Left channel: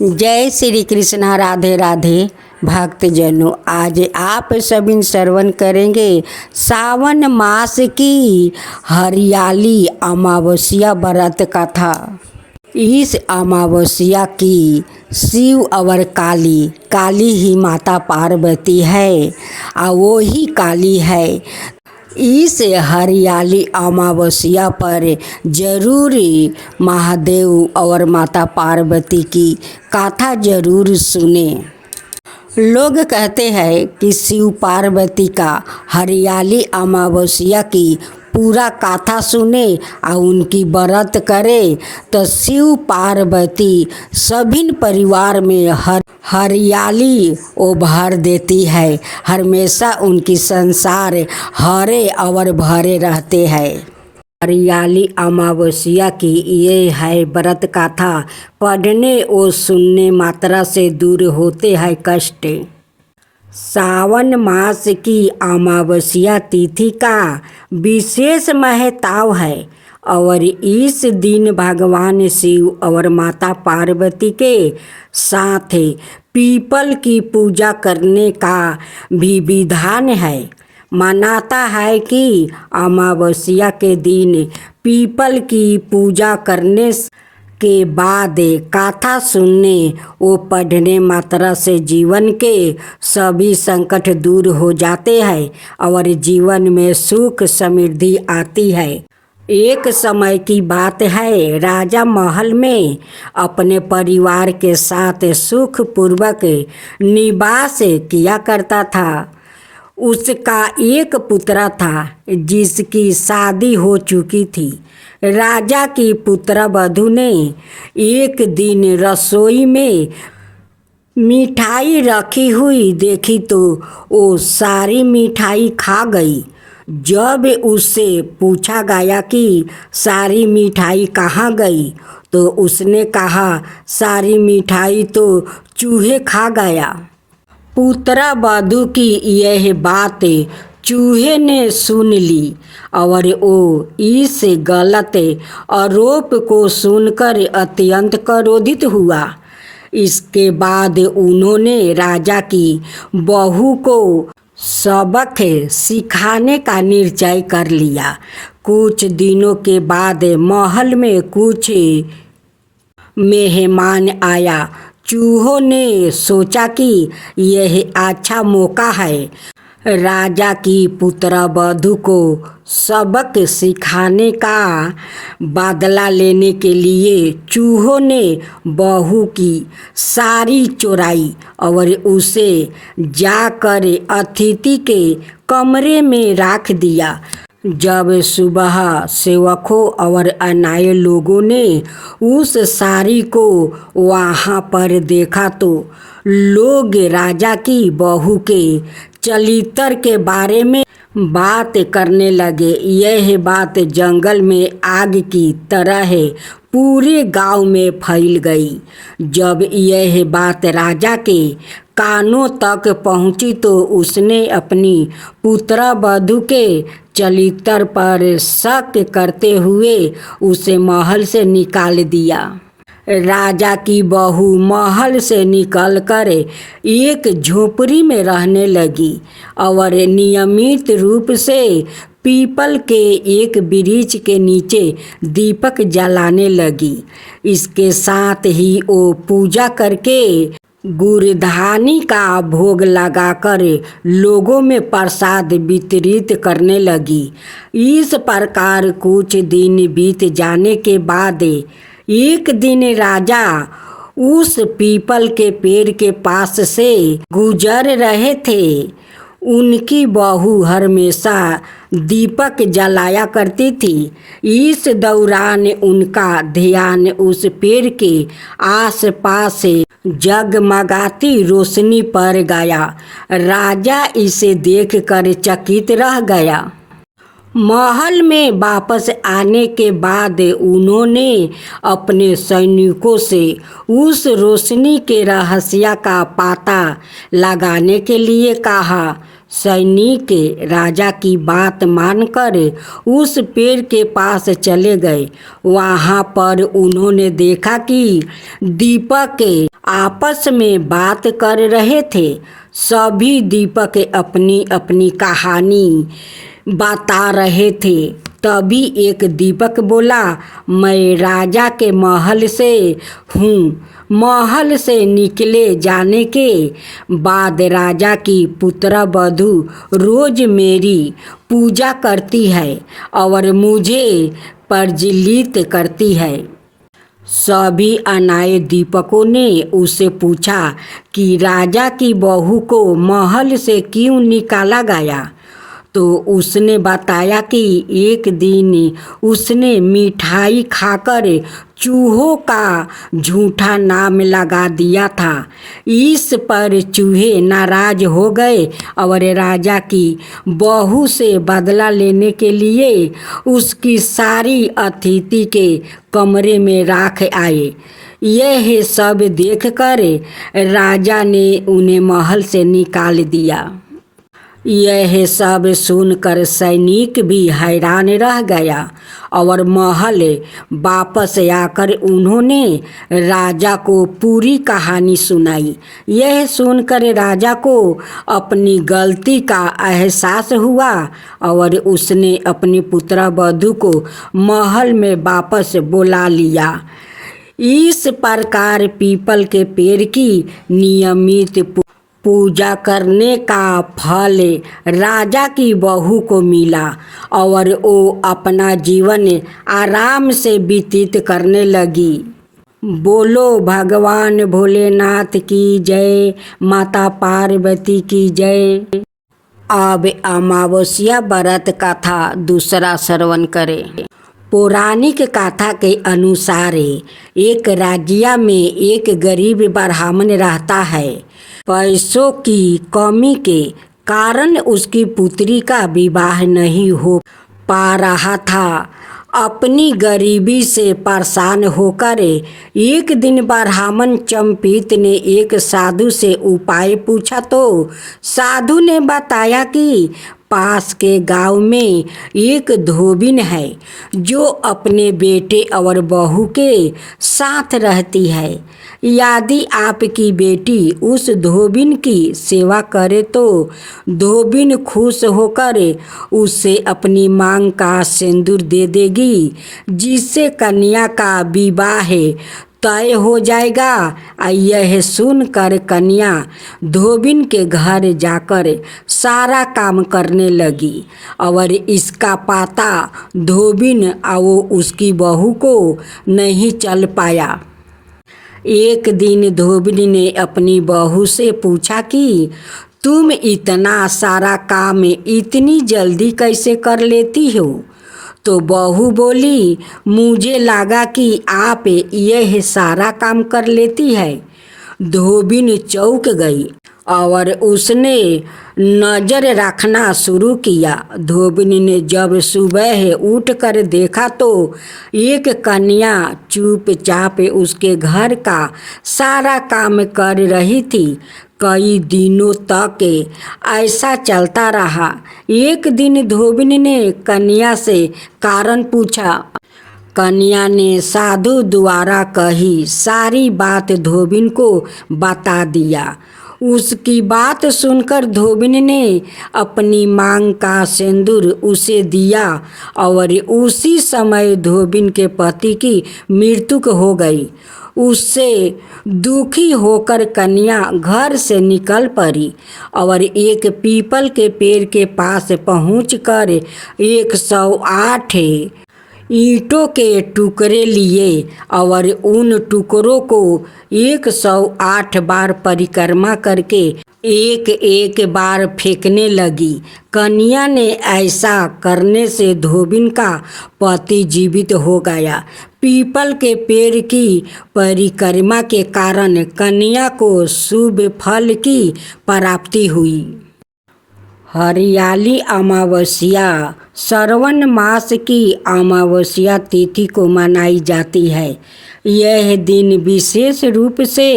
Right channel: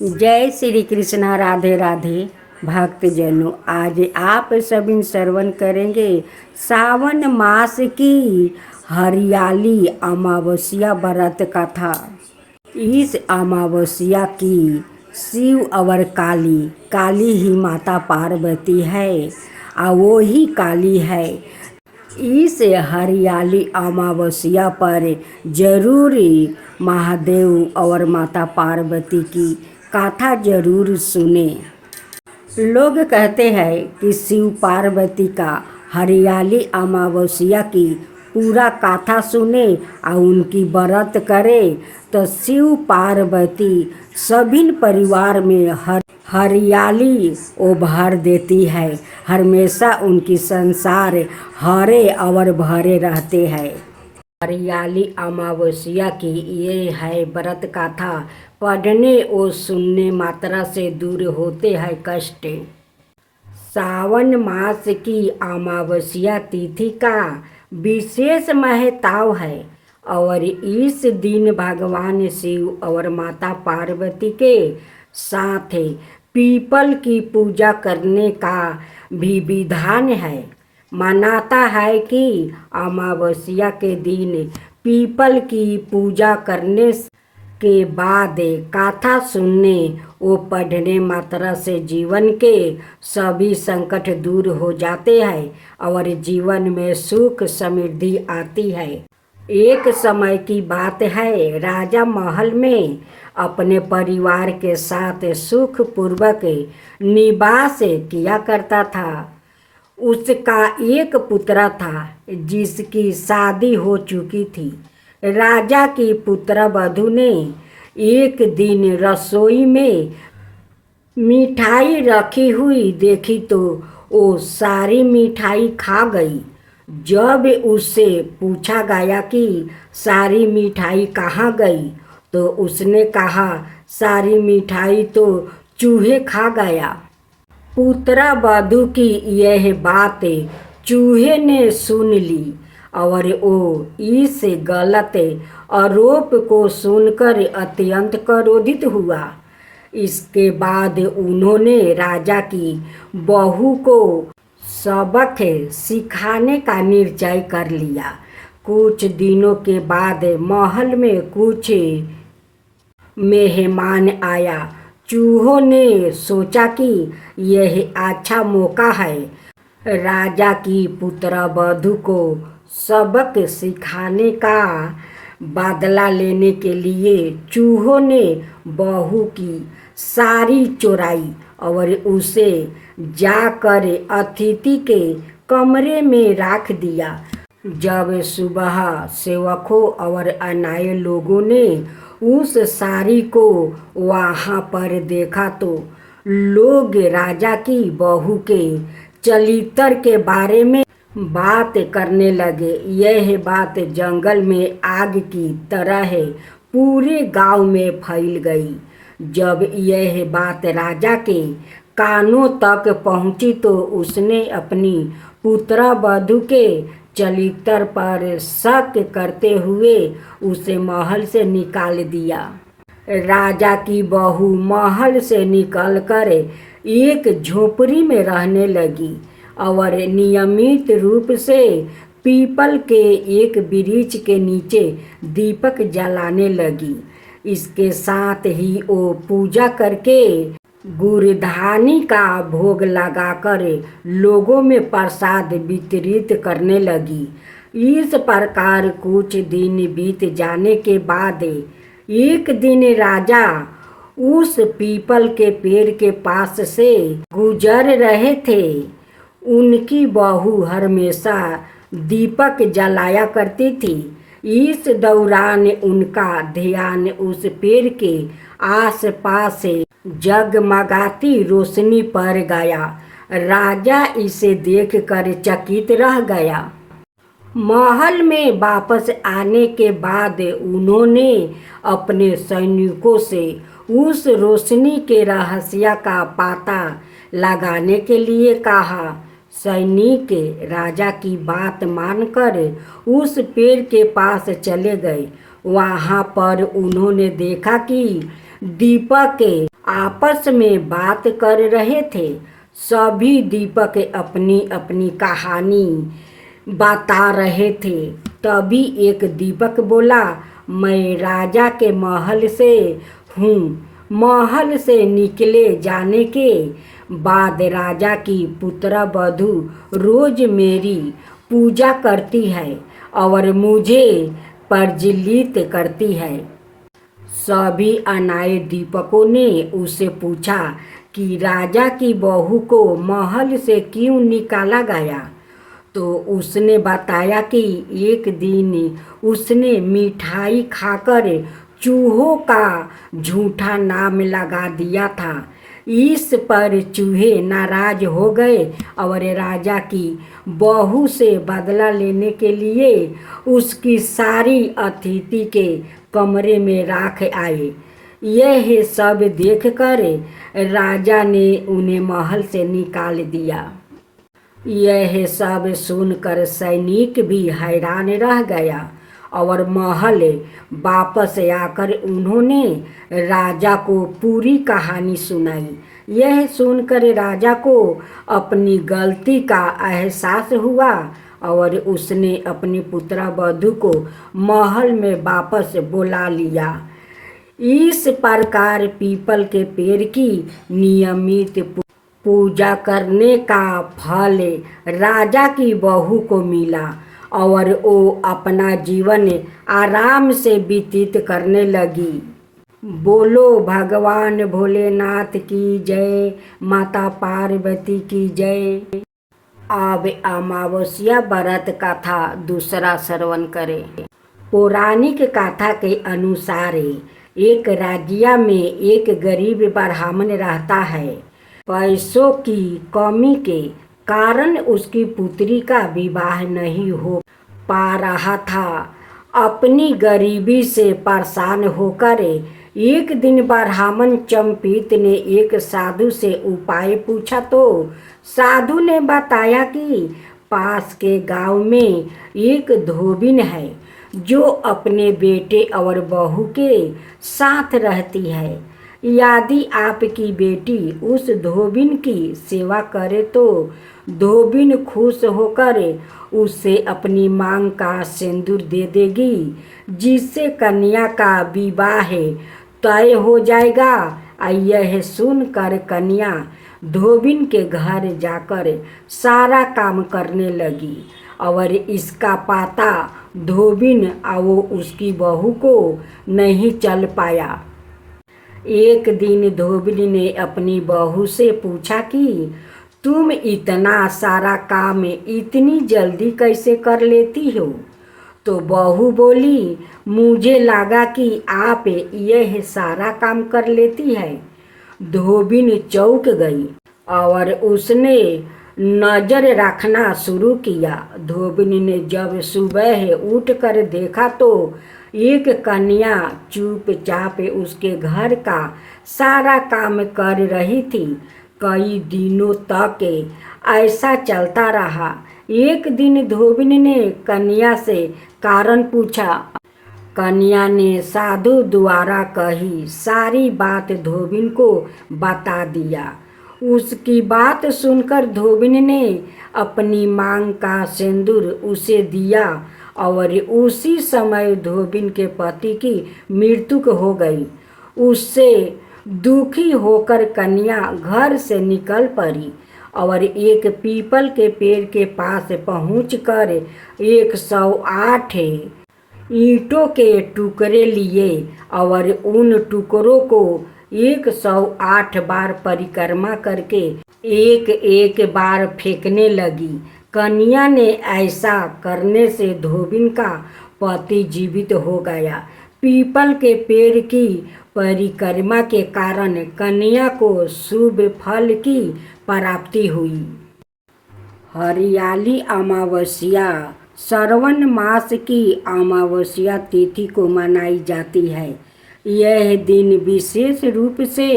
जय श्री कृष्णा। राधे राधे भक्तजनों, आज आप सभी श्रवण करेंगे सावन मास की हरियाली अमावस्या व्रत कथा। इस अमावस्या की शिव और काली ही माता पार्वती है और वो ही काली है। इस हरियाली अमावस्या पर जरूर महादेव और माता पार्वती की कथा जरूर सुने। लोग कहते हैं कि शिव पार्वती का हरियाली अमावस्या की पूरा कथा सुने और उनकी व्रत करे तो शिव पार्वती सभी परिवार में हरियाली उभार देती है। हमेशा उनकी संसार हरे और भरे रहते हैं। हरियाली अमावस्या की ये है व्रत कथा। पढ़ने और सुनने मात्रा से दूर होते हैं कष्ट। सावन मास की अमावस्या तिथि का विशेष महत्व है और इस दिन भगवान शिव और माता पार्वती के साथ पीपल की पूजा करने का भी विधान है। मानता है कि अमावस्या के दिन पीपल की पूजा करने के बाद कथा सुनने और पढ़ने मात्रा से जीवन के सभी संकट दूर हो जाते हैं और जीवन में सुख समृद्धि आती है। एक समय की बात है, राजा महल में अपने परिवार के साथ सुखपूर्वक निवास किया करता था। उसका एक पुत्र था जिसकी शादी हो चुकी थी। राजा की पुत्र वधू ने एक दिन रसोई में मिठाई रखी हुई देखी तो वो सारी मिठाई खा गई। जब उससे पूछा गया कि सारी मिठाई कहाँ गई तो उसने कहा, सारी मिठाई तो चूहे खा गया। पुत्र वधू की यह बात चूहे ने सुन ली और वो इस गलत आरोप को सुनकर अत्यंत क्रोधित हुआ। इसके बाद उन्होंने राजा की बहू को सबक सिखाने का निश्चय कर लिया। कुछ दिनों के बाद महल में कुछ मेहमान आया। चूहों ने सोचा कि यह अच्छा मौका है राजा की पुत्र वधू को सबक सिखाने का बदला लेने के लिए चूहों ने बहू की साड़ी चुराई और उसे जाकर अतिथि के कमरे में रख दिया। जब सुबह सेवकों और अन्य लोगों ने उस साड़ी को वहाँ पर देखा तो लोग राजा की बहू के चरित्र के बारे में बात करने लगे। यह बात जंगल में आग की तरह पूरे गांव में फैल गई। जब यह बात राजा के कानों तक पहुंची तो उसने अपनी पुत्र वधू के चरित्र पर शक करते हुए उसे महल से निकाल दिया। राजा की बहू महल से निकलकर एक झोपड़ी में रहने लगी और नियमित रूप से पीपल के एक वृक्ष के नीचे दीपक जलाने लगी। इसके साथ ही वो पूजा करके गुरधानी का भोग लगाकर लोगों में प्रसाद वितरित करने लगी। इस प्रकार कुछ दिन बीत जाने के बाद एक दिन राजा उस पीपल के पेड़ के पास से गुजर रहे थे। उनकी बहू हमेशा दीपक जलाया करती थी। इस दौरान उनका ध्यान उस पेड़ के आसपास जगमगाती रोशनी पर गया। राजा इसे देखकर चकित रह गया। महल में वापस आने के बाद उन्होंने अपने सैनिकों से उस रोशनी के रहस्य का पता लगाने के लिए कहा। सैनिक राजा की बात मानकर उस पेड़ के पास चले गए। वहाँ पर उन्होंने देखा कि दीपक आपस में बात कर रहे थे। सभी दीपक अपनी अपनी कहानी बता रहे थे। तभी एक दीपक बोला, मैं राजा के महल से हूँ। महल से निकले जाने के बाद राजा की पुत्रवधू रोज मेरी पूजा करती है और मुझे प्रज्वलित करती है। सभी अनाए दीपकों ने उससे पूछा कि राजा की बहू को महल से क्यों निकाला गया। तो उसने बताया कि एक दिन उसने मिठाई खाकर चूहों का झूठा नाम लगा दिया था। इस पर चूहे नाराज हो गए और राजा की बहू से बदला लेने के लिए उसकी सारी अतिथि के कमरे में राख आए। यह सब देखकर राजा ने उन्हें महल से निकाल दिया। यह सब सुनकर सैनिक भी हैरान रह गया और महल वापस आकर उन्होंने राजा को पूरी कहानी सुनाई। यह सुनकर राजा को अपनी गलती का एहसास हुआ और उसने अपनी पुत्रवधू को महल में वापस बुला लिया। इस प्रकार पीपल के पेड़ की नियमित पूजा करने का फल राजा की बहू को मिला और वो अपना जीवन आराम से व्यतीत करने लगी। बोलो भगवान भोलेनाथ की जय, माता पार्वती की जय। अब अमावस्या व्रत कथा दूसरा श्रवण करें। पौराणिक कथा के अनुसार एक राज्य में एक गरीब ब्राह्मण रहता है। पैसों की कमी के कारण उसकी पुत्री का विवाह नहीं हो पा रहा था। अपनी गरीबी से परेशान होकर एक दिन ब्राह्मण चंपित ने एक साधु से उपाय पूछा तो साधु ने बताया कि पास के गांव में एक धोबिन है जो अपने बेटे और बहू के साथ रहती है। यदि आपकी बेटी उस धोबिन की सेवा करे तो धोबिन खुश होकर उससे अपनी मांग का सिंदूर दे देगी, जिससे कन्या का विवाह तय हो जाएगा। यह सुनकर कन्या धोबिन के घर जाकर सारा काम करने लगी और इसका पता धोबिन और उसकी बहू को नहीं चल पाया। एक दिन धोबिन ने अपनी बहू से पूछा कि तुम इतना सारा काम इतनी जल्दी कैसे कर लेती हो। तो बहू बोली, मुझे लगा कि आप यह सारा काम कर लेती है। धोबिन चौंक गई और उसने नज़र रखना शुरू किया। धोबिन ने जब सुबह उठकर देखा तो एक कन्या चुपचाप उसके घर का सारा काम कर रही थी। कई दिनों तक ऐसा चलता रहा। एक दिन धोबिन ने कन्या से कारण पूछा। कन्या ने साधु द्वारा कही सारी बात धोबिन को बता दिया। उसकी बात सुनकर धोबिन ने अपनी मांग का सिंदूर उसे दिया और उसी समय धोबिन के पति की मृत्यु हो गई। उससे दुखी होकर कन्या घर से निकल पड़ी और एक पीपल के पेड़ के पास पहुंचकर 108 ईंटों के टुकड़े लिए और उन टुकड़ों को 108 बार परिक्रमा करके एक एक बार फेंकने लगी। कन्या ने ऐसा करने से धोबिन का पति जीवित हो गया। पीपल के पेड़ की परिक्रमा के कारण कन्या को शुभ फल की प्राप्ति हुई। हरियाली अमावस्या श्रावण मास की अमावस्या तिथि को मनाई जाती है। यह दिन विशेष रूप से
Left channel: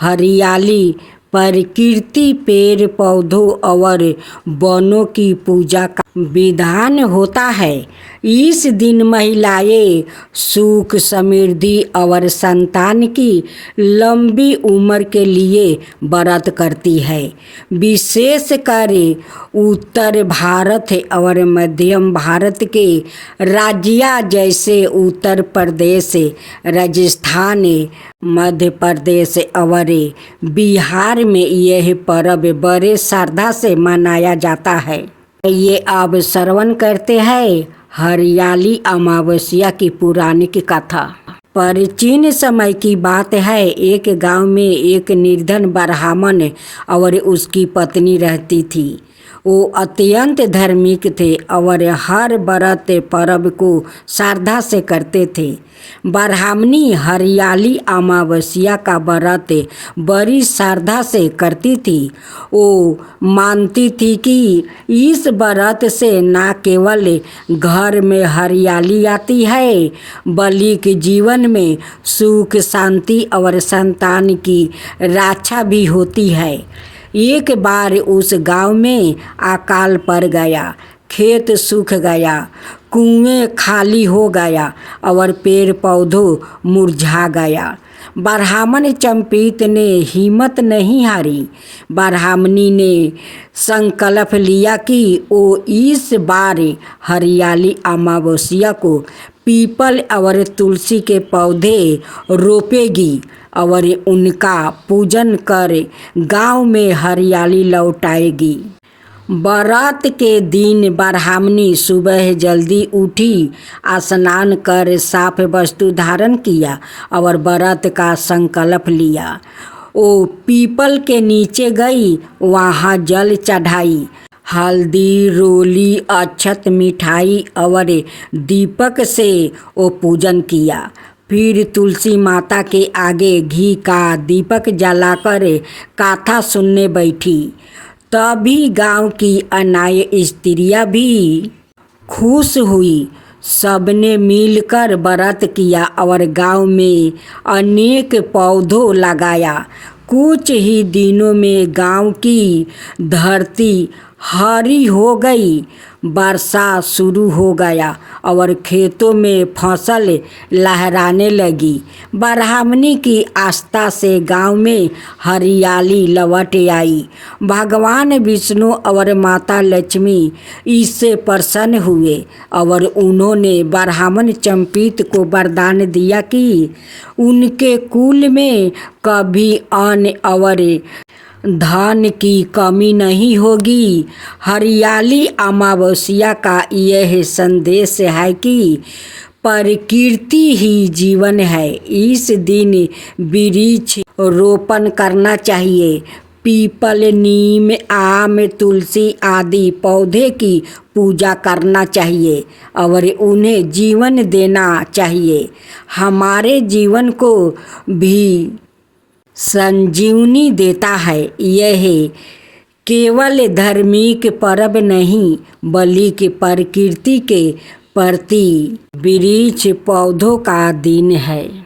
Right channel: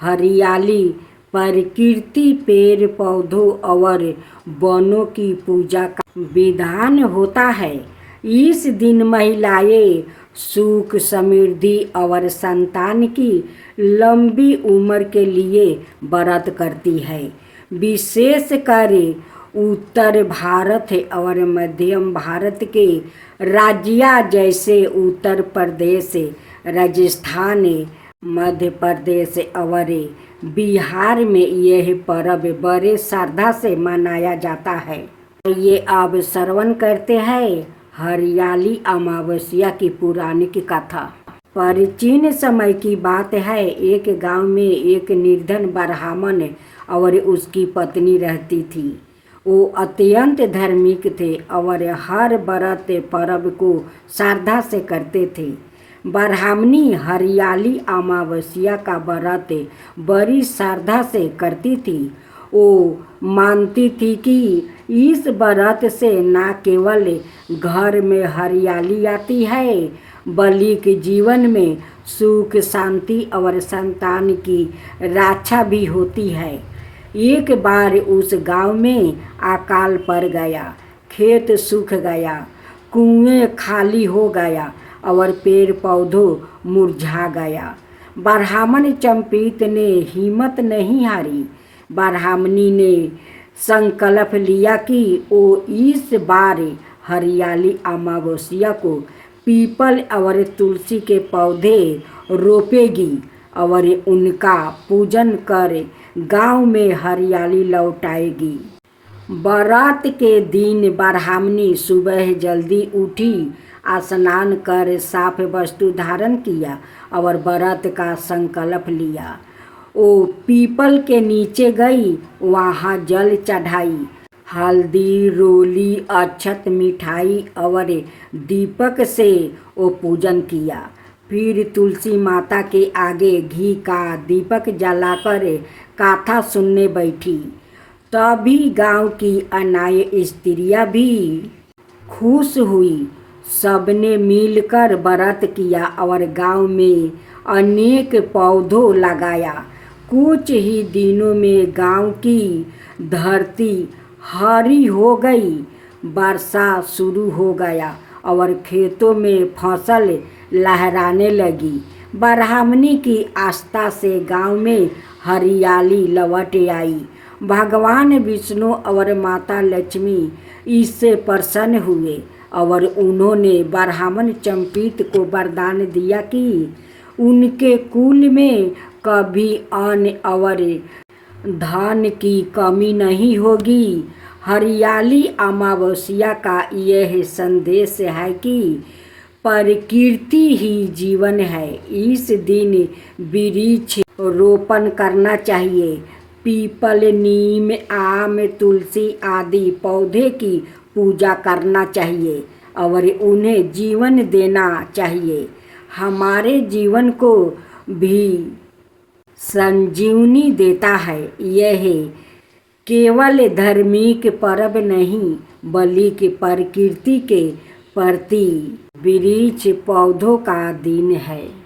हरियाली, प्रकृति, पेड़ पौधों और वनों की पूजा का विधान होता है। इस दिन महिलाएं सुख समृद्धि और संतान की लंबी उम्र के लिए व्रत करती है। विशेष कर उत्तर भारत और मध्यम भारत के राज्य जैसे उत्तर प्रदेश, राजस्थान, मध्य प्रदेश और बिहार में यह पर्व बड़े श्रद्धा से मनाया जाता है। ये अब श्रवण करते हैं हरियाली अमावस्या की पौराणिक कथा। प्राचीन समय की बात है। एक गांव में एक निर्धन ब्राह्मण और उसकी पत्नी रहती थी। वो अत्यंत धार्मिक थे और हर व्रत पर्व को श्रद्धा से करते थे। ब्राह्मणी हरियाली अमावस्या का व्रत बड़ी श्रद्धा से करती थी। वो मानती थी कि इस व्रत से न केवल घर में हरियाली आती है बल्कि जीवन में सुख शांति और संतान की रक्षा भी होती है। एक बार उस गांव में अकाल पड़ गया, खेत सूख गया, कुएं खाली हो गया और पेड़ पौधों मुरझा गया। ब्राह्मण चंपित ने हिम्मत नहीं हारी। ब्राह्मणी ने संकल्प लिया कि वो इस बार हरियाली अमावस्या को पीपल और तुलसी के पौधे रोपेगी और उनका पूजन कर गांव में हरियाली लौटाएगी। व्रत के दिन ब्राह्मणी सुबह जल्दी उठी, स्नान कर साफ वस्त्र धारण किया और व्रत का संकल्प लिया। वो पीपल के नीचे गई, वहाँ जल चढ़ाई, हल्दी, रोली, अक्षत, मिठाई और दीपक से वो पूजन किया। फिर तुलसी माता के आगे घी का दीपक जलाकर कथा सुनने बैठी। तभी गांव की अन्य स्त्रियां भी खुश हुई। सबने मिलकर व्रत किया और गांव में अनेक पौधों लगाया। कुछ ही दिनों में गांव की धरती हरी हो गई, वर्षा शुरू हो गया और खेतों में फसल लहराने लगी। ब्राह्मणी की आस्था से गांव में हरियाली लौट आई। भगवान विष्णु और माता लक्ष्मी इससे प्रसन्न हुए और उन्होंने ब्राह्मण चंपित को वरदान दिया कि उनके कुल में कभी अन्न और धन की कमी नहीं होगी। हरियाली अमावस्या का यह संदेश है कि प्रकृति ही जीवन है। इस दिन वृक्ष रोपण करना चाहिए। पीपल, नीम, आम, तुलसी आदि पौधे की पूजा करना चाहिए और उन्हें जीवन देना चाहिए। हमारे जीवन को भी संजीवनी देता है। यह केवल धार्मिक पर्व नहीं बल्कि प्रकृति के प्रति वृक्ष पौधों का दिन है।